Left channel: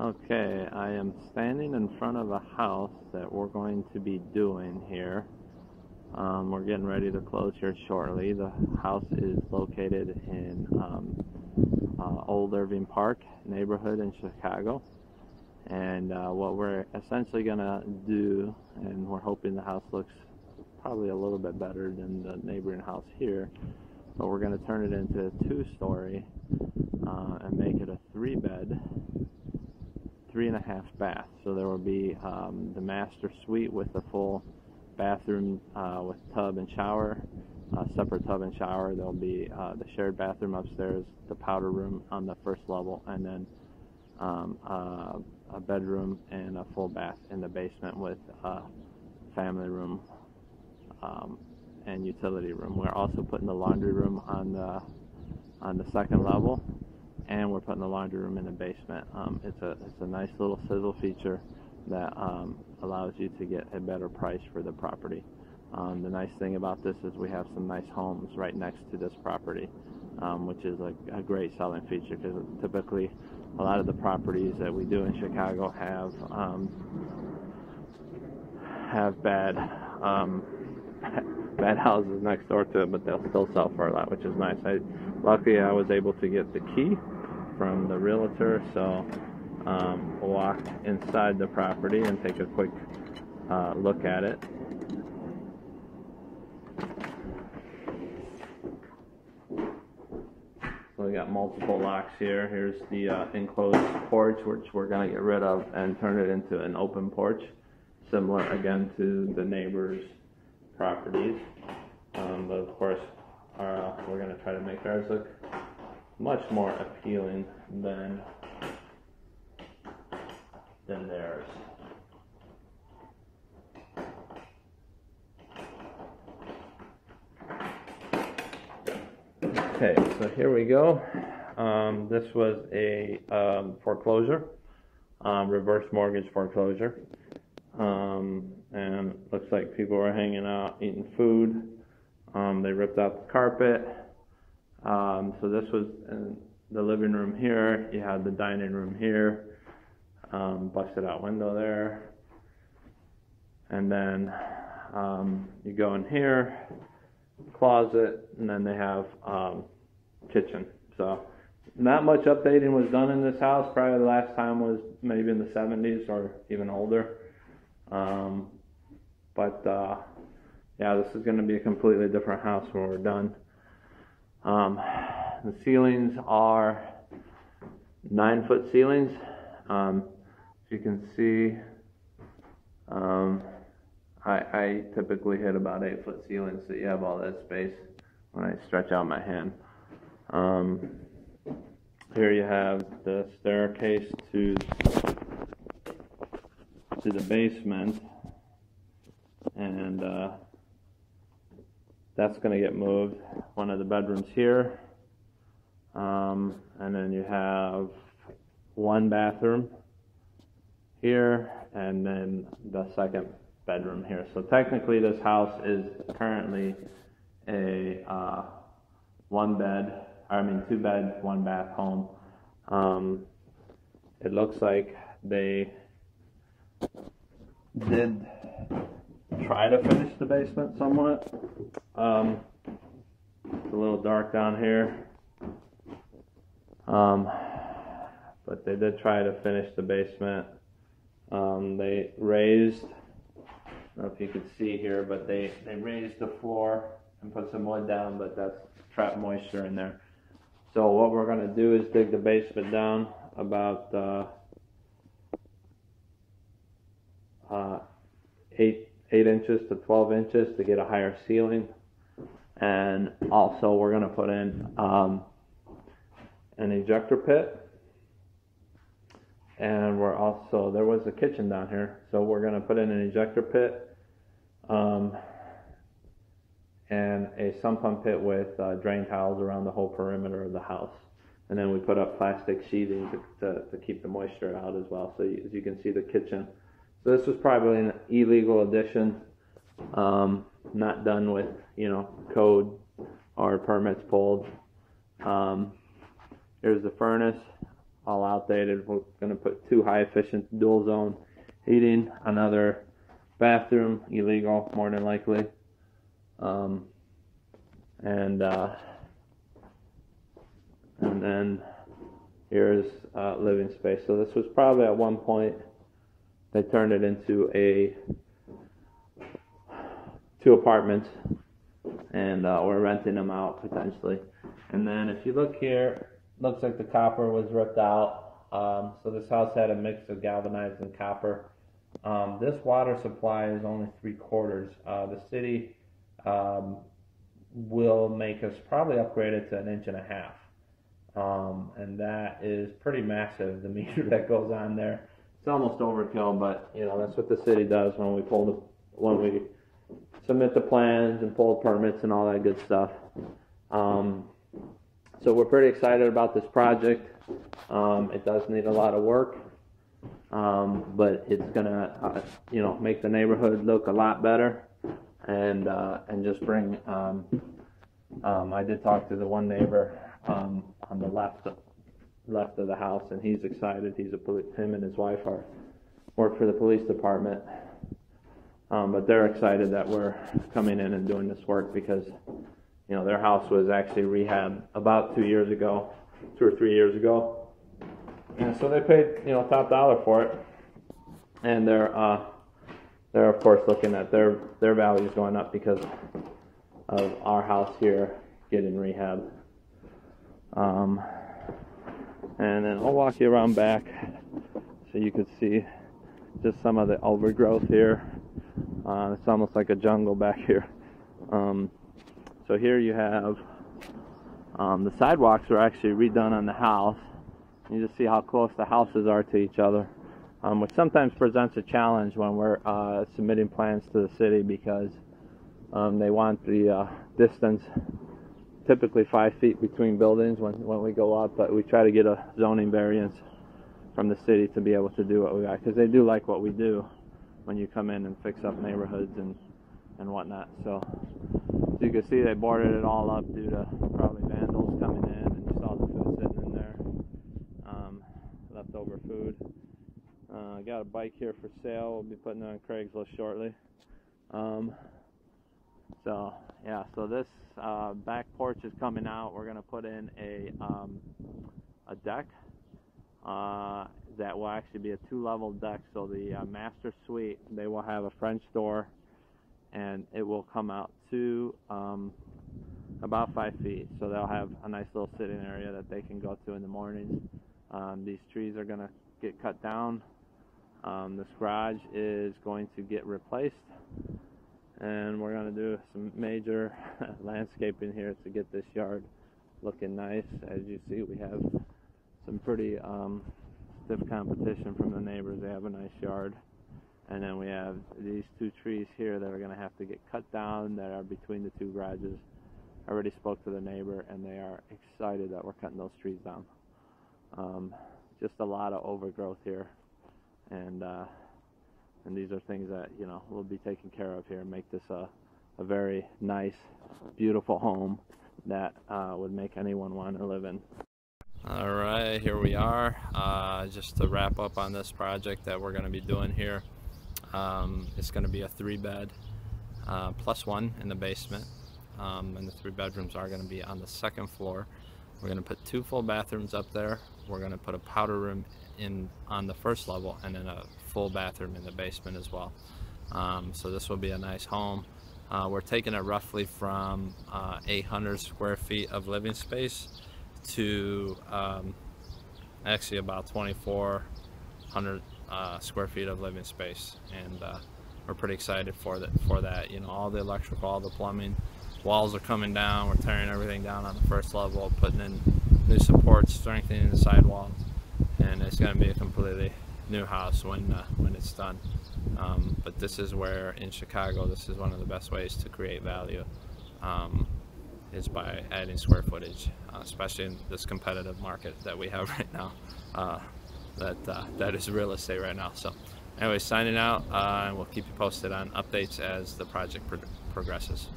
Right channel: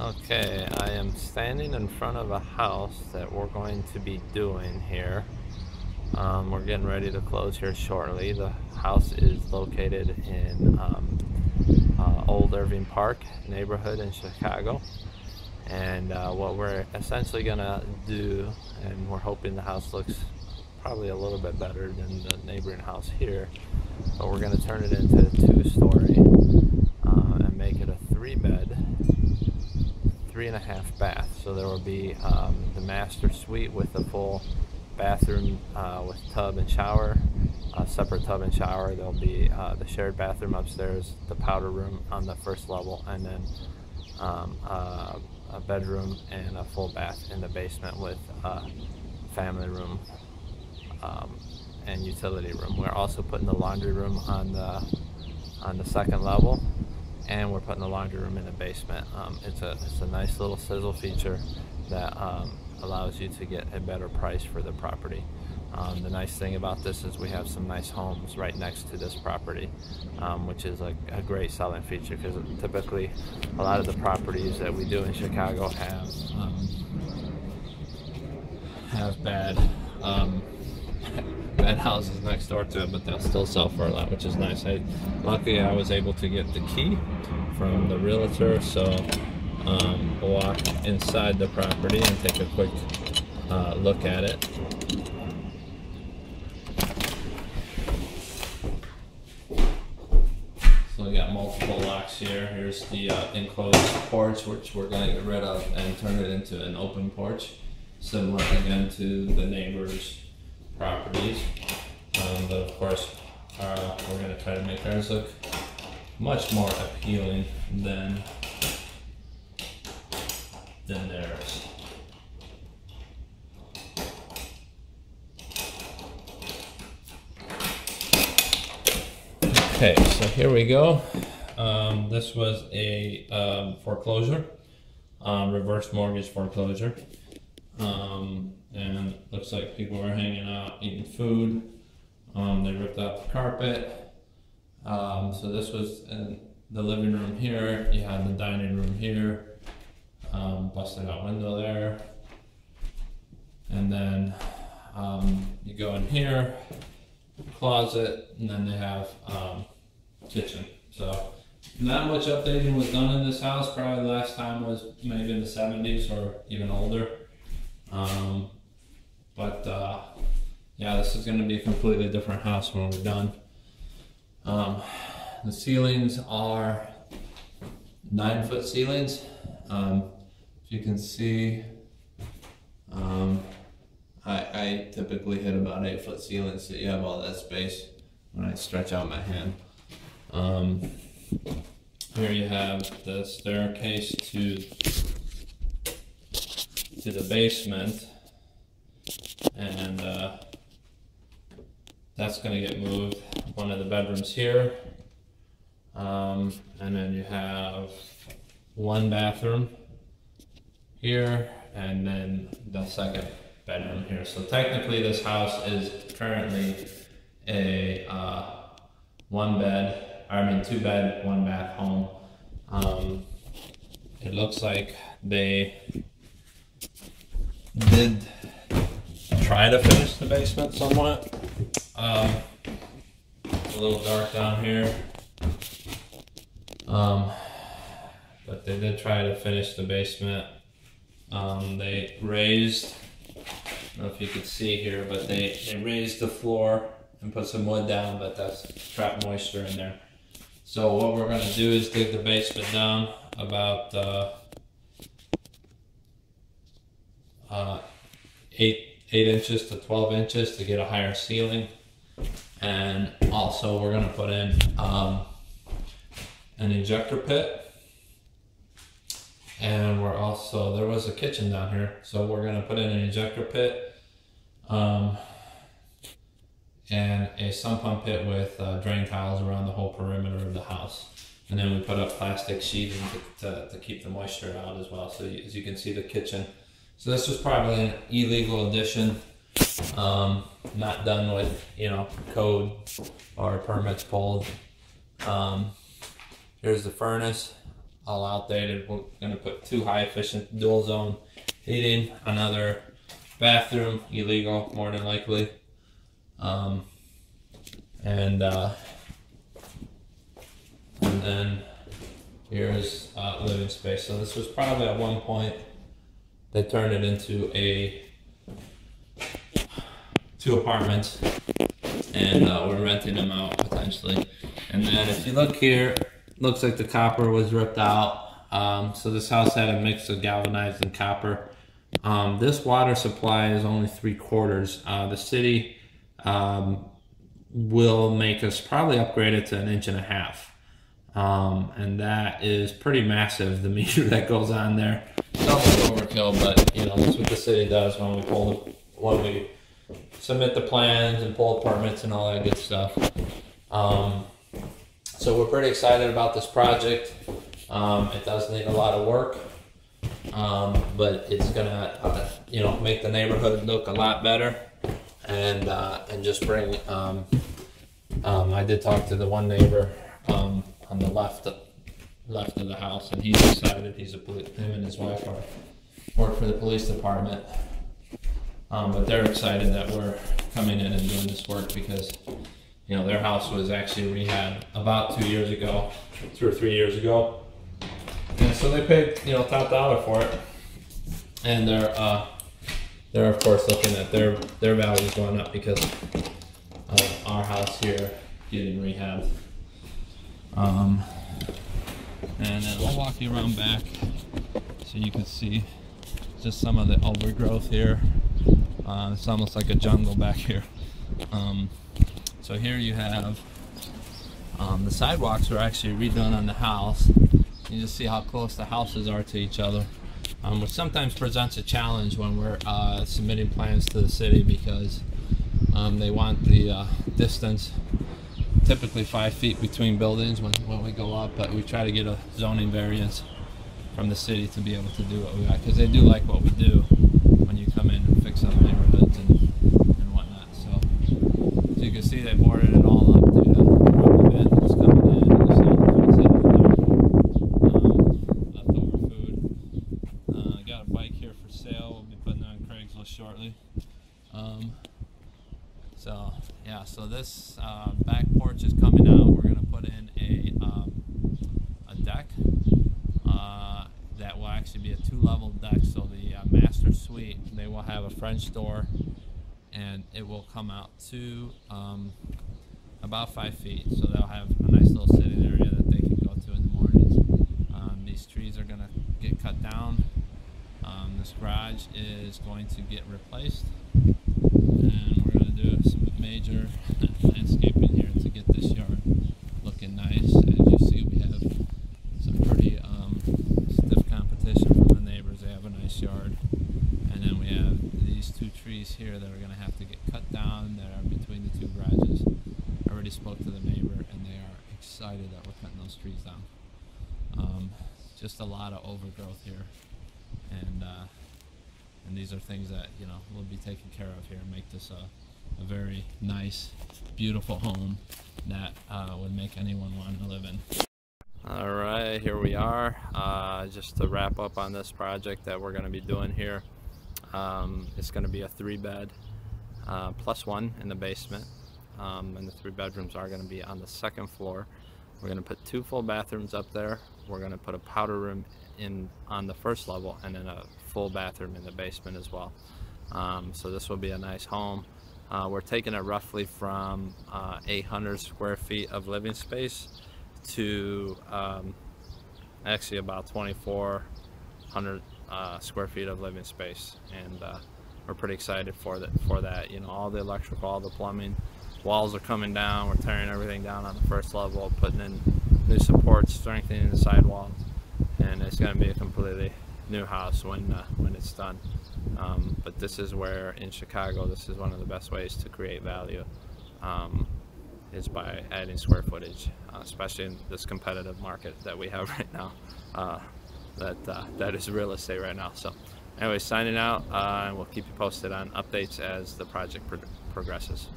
Okay, I am standing in front of a house that we're going to be doing here. We're getting ready to close here shortly. The house is located in Old Irving Park neighborhood in Chicago. And what we're essentially gonna do, and we're hoping the house looks probably a little bit better than the neighboring house here, but we're gonna turn it into a two-story and make it a 3-bed, 3.5 bath. So there will be the master suite with a full bathroom with tub and shower, separate tub and shower. There'll be the shared bathroom upstairs, the powder room on the first level, and then a bedroom and a full bath in the basement with a family room and utility room. We're also putting the laundry room on the second level, and we're putting the laundry room in the basement. It's a nice little sizzle feature that allows you to get a better price for the property. The nice thing about this is we have some nice homes right next to this property, which is a great selling feature, because typically a lot of the properties that we do in Chicago have bad bad houses next door to it, but they'll still sell for a lot, which is nice. Luckily I was able to get the key from the realtor, so we'll walk inside the property and take a quick look at it. So we got multiple locks here. Here's the enclosed porch, which we're gonna get rid of and turn it into an open porch, similar again to the neighbors' properties. But of course, we're gonna try to make ours look much more appealing than theirs. Okay, so here we go. This was a foreclosure, reverse mortgage foreclosure. And looks like people were hanging out, eating food. They ripped out the carpet. So this was in the living room here. You had the dining room here, busted out window there. And then you go in here, closet, and then they have kitchen. So not much updating was done in this house. Probably the last time was maybe in the 70s or even older. Yeah, this is going to be a completely different house when we're done. The ceilings are 9-foot ceilings. If you can see, I typically hit about 8-foot ceilings, so you have all that space when I stretch out my hand. Here you have the staircase to the basement, and that's going to get moved. One of the bedrooms here, and then you have one bathroom here, and then the second bedroom here. So technically this house is currently a 2-bed, 1-bath home. It looks like they did try to finish the basement somewhat. It's a little dark down here, but they did try to finish the basement. They raised, I don't know if you could see here, but they raised the floor and put some wood down, but that's trapped moisture in there. So what we're going to do is dig the basement down about 8 inches to 12 inches to get a higher ceiling. And also we're going to put in an ejector pit. And there was a kitchen down here, so we're going to put in an ejector pit and a sump pump pit with drain tiles around the whole perimeter of the house. And then we put up plastic sheeting to keep the moisture out as well. So as you can see, the kitchen. So this was probably an illegal addition, not done with, code or permits pulled. Here's the furnace. all outdated. We're gonna put 2 high efficient dual zone heating, another bathroom, illegal more than likely. And then here's living space. So this was probably at one point they turned it into 2 apartments, and we're renting them out potentially. And then if you look here, looks like the copper was ripped out. So this house had a mix of galvanized and copper. This water supply is only 3/4. The city will make us probably upgrade it to 1.5 inches. And that is pretty massive, the meter that goes on there. It's almost overkill, but you know, that's what the city does when we submit the plans and pull permits and all that good stuff. So we're pretty excited about this project. It does need a lot of work, but it's gonna you know, make the neighborhood look a lot better, and just bring I did talk to the one neighbor on the left of the house, and he's excited. Him and his wife work for the police department, but they're excited that we're coming in and doing this work because, you know, their house was actually rehabbed about 2 years ago, 2 or 3 years ago, and so they paid, you know, top dollar for it, and they're of course looking at their values going up because of our house here getting rehabbed. And then we'll walk you around back so you can see just some of the overgrowth here. It's almost like a jungle back here. So here you have the sidewalks were actually redone on the house. You just see how close the houses are to each other, which sometimes presents a challenge when we're submitting plans to the city because they want the distance, typically 5 feet between buildings when we go up, but we try to get a zoning variance from the city to be able to do what we got, because they do like what we do when you come in and fix up neighborhoods and whatnot. So as you can see, they boarded it all up due to probably vandals coming in. You see the food sitting there, leftover food. I got a bike here for sale. We'll be putting it on Craigslist shortly. So yeah, so this back porch is coming out. We're gonna put in a deck that will actually be a 2-level deck. So the master suite, they will have a French door, and it will come out to about 5 feet. So they'll have a nice little sitting area that they can go to in the mornings. These trees are gonna get cut down. This garage is going to get replaced, and we're going to do some major landscaping here to get this yard looking nice. As you see, we have some pretty stiff competition from the neighbors. They have a nice yard, and then we have these 2 trees here that are going to have to get cut down that are between the 2 garages. I already spoke to the neighbor, and they are excited that we're cutting those trees down. Just a lot of overgrowth here, and these are things that, you know, we'll be taking care of here and make this a very nice, beautiful home that would make anyone want to live in. All right, here we are. Just to wrap up on this project that we're going to be doing here. It's going to be a 3-bed plus 1 in the basement, and the 3 bedrooms are going to be on the 2nd floor. We're going to put 2 full bathrooms up there. We're going to put a powder room on the 1st level, and then a full bathroom in the basement as well. So this will be a nice home. We're taking it roughly from 800 square feet of living space to actually about 2,400 square feet of living space, and we're pretty excited for that. You know, all the electrical, all the plumbing, walls are coming down. We're tearing everything down on the 1st level, putting in new supports, strengthening the sidewalls, and it's going to be a completely new house when it's done. But this is where, in Chicago, this is one of the best ways to create value, is by adding square footage, especially in this competitive market that we have right now. That is real estate right now. So anyway, signing out, and we'll keep you posted on updates as the project progresses.